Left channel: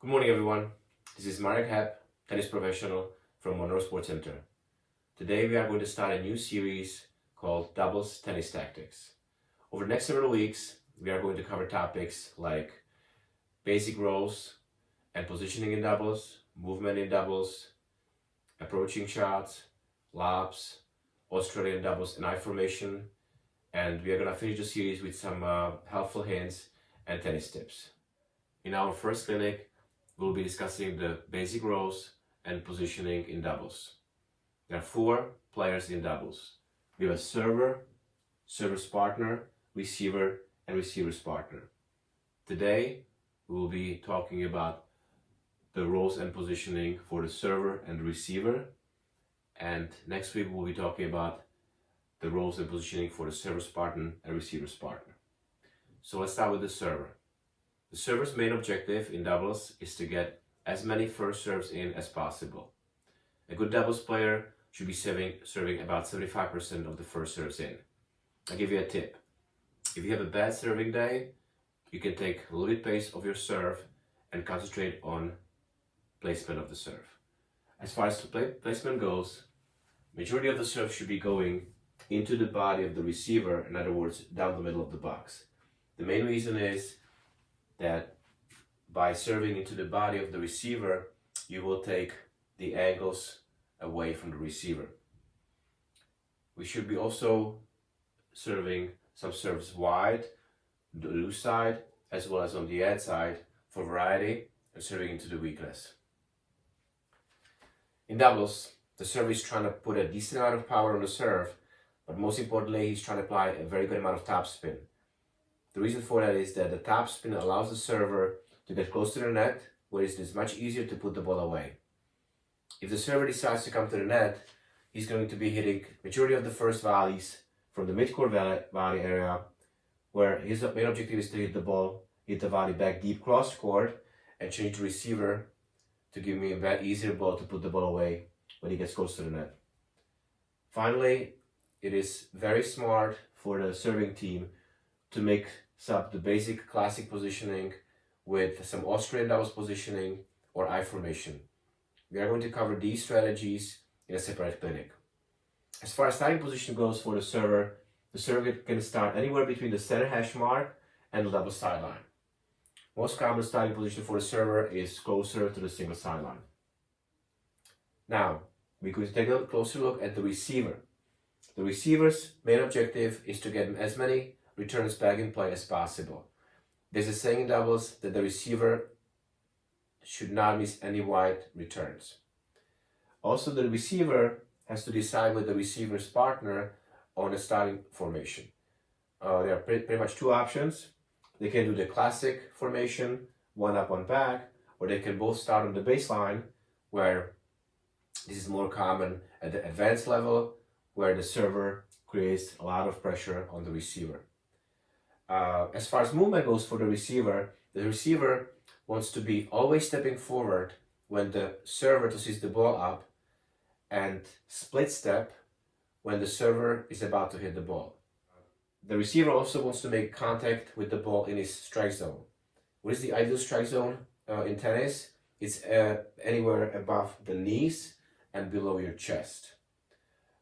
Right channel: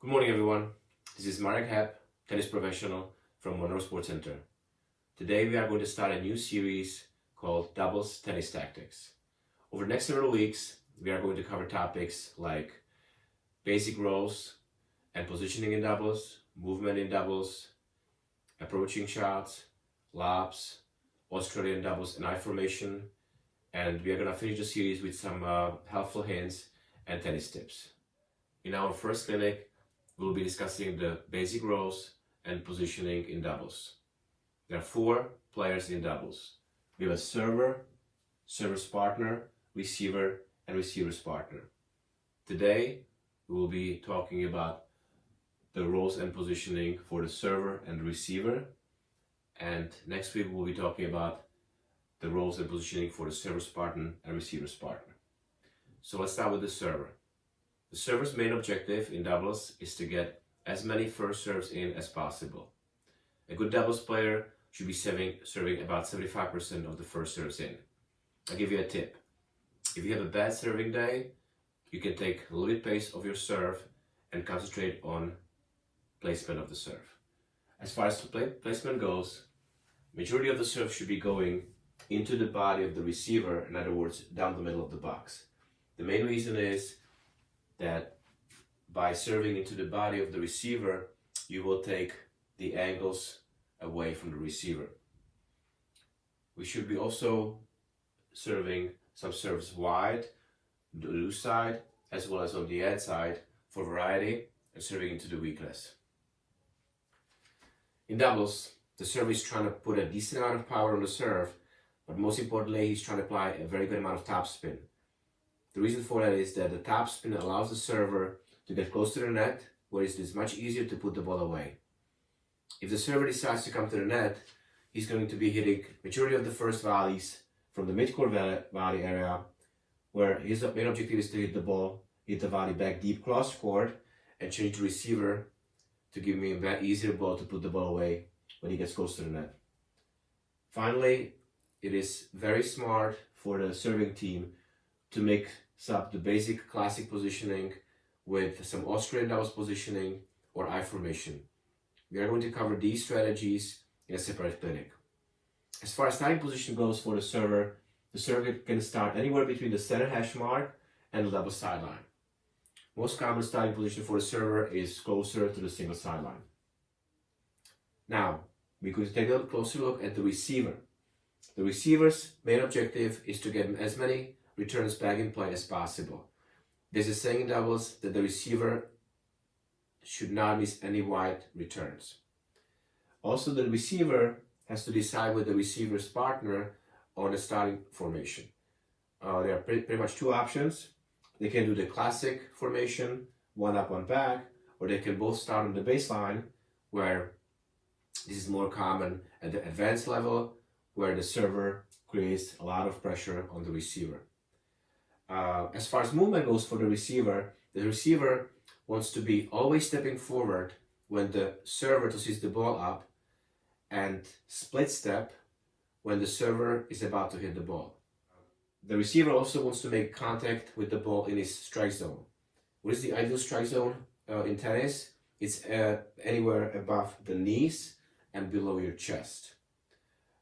Good morning, everyone. This is Marek Hep, tennis professional from Monroe Sports Center. Today, we are going to start a new series called Doubles Tennis Tactics. Over the next several weeks, we are going to cover topics like basic roles and positioning in doubles, movement in doubles, approaching shots, lobs, Australian doubles and I formation, and we are going to finish the series with some helpful hints and tennis tips. In our first clinic, we'll be discussing the basic roles and positioning in doubles. There are 4 players in doubles. We have a server, server's partner, receiver, and receiver's partner. Today, we will be talking about the roles and positioning for the server and the receiver. And next week, we'll be talking about the roles and positioning for the server's partner and receiver's partner. So let's start with the server. The server's main objective in doubles is to get as many first serves in as possible. A good doubles player should be serving about 75% of the first serves in. I'll give you a tip. If you have a bad serving day, you can take a little bit pace of your serve and concentrate on placement of the serve. As far as the placement goes, majority of the serve should be going into the body of the receiver, in other words, down the middle of the box. The main reason is that by serving into the body of the receiver, you will take the angles away from the receiver. We should be also serving some serves wide, the loose side, as well as on the end side for variety and serving into the weakness. In doubles, the server is trying to put a decent amount of power on the serve, but most importantly, he's trying to apply a very good amount of topspin. The reason for that is that the topspin allows the server to get close to the net, where it is much easier to put the ball away. If the server decides to come to the net, he's going to be hitting majority of the first volleys from the mid-court volley area, where his main objective is to hit the volley back deep cross-court, and change the receiver to give me a easier ball to put the ball away when he gets close to the net. Finally, it is very smart for the serving team to mix up the basic classic positioning with some Australian doubles positioning or I formation. We are going to cover these strategies in a separate clinic. As far as starting position goes for the server can start anywhere between the center hash mark and the double sideline. Most common starting position for the server is closer to the single sideline. Now, we could take a closer look at the receiver. The receiver's main objective is to get as many returns back in play as possible. There's a saying in doubles that the receiver should not miss any wide returns. Also, the receiver has to decide with the receiver's partner on the starting formation. There are pretty much 2 options. They can do the classic formation, 1 up, 1 back, or they can both start on the baseline, where this is more common at the advanced level, where the server creates a lot of pressure on the receiver. As far as movement goes for the receiver wants to be always stepping forward when the server tosses the ball up, and split step when the server is about to hit the ball. The receiver also wants to make contact with the ball in his strike zone. What is the ideal strike zone in tennis? It's anywhere above the knees and below your chest.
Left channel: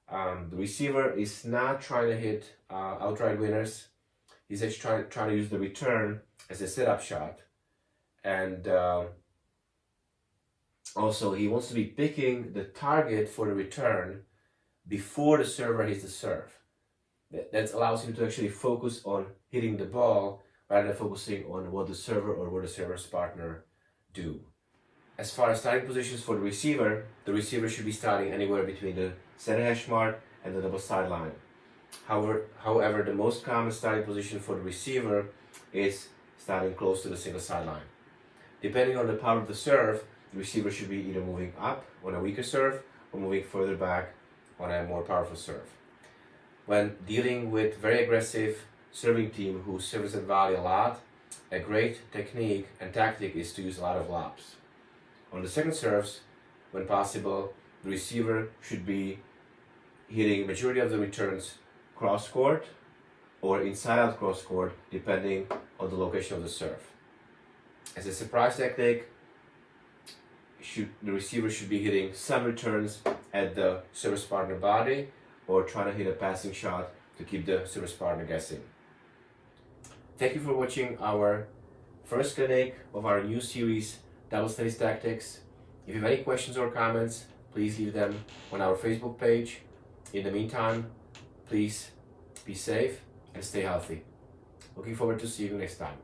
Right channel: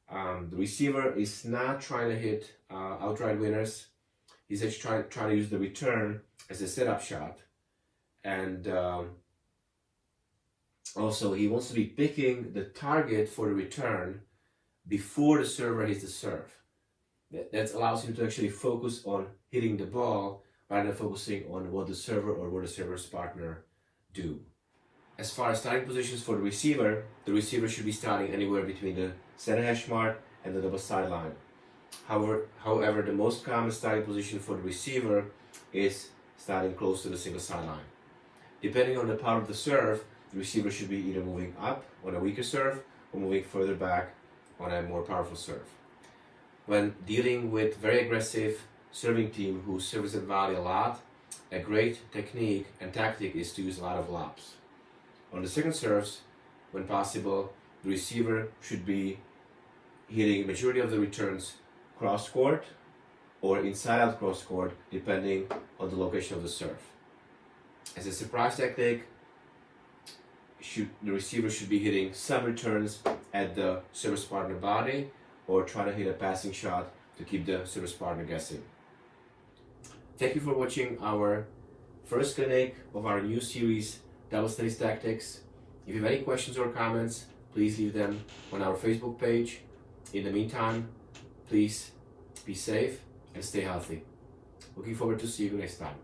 The receiver is not trying to hit outright winners. He's actually trying to use the return as a setup shot. And also, he wants to be picking the target for the return before the server hits the serve. That allows him to actually focus on hitting the ball rather than focusing on what the server or what the server's partner do. As far as starting positions for the receiver should be starting anywhere between the center hash mark and the double sideline. However, the most common starting position for the receiver is starting close to the single sideline. Depending on the power of the serve, the receiver should be either moving up on a weaker serve or moving further back on a more powerful serve. When dealing with very aggressive serving team who serves at volley a lot, a great technique and tactic is to use a lot of lobs. On the second serves, when possible, the receiver should be hitting majority of the returns cross court or inside out cross court, depending on the location of the serve. As a surprise tactic, the receiver should be hitting some returns at the service partner body, or trying to hit a passing shot to keep the service partner guessing. Thank you for watching our first clinic of our new series, Double Tennis Tactics. If you have any questions or comments, please leave them on our Facebook page. In the meantime, please be safe and stay healthy. Looking forward to seeing you next time.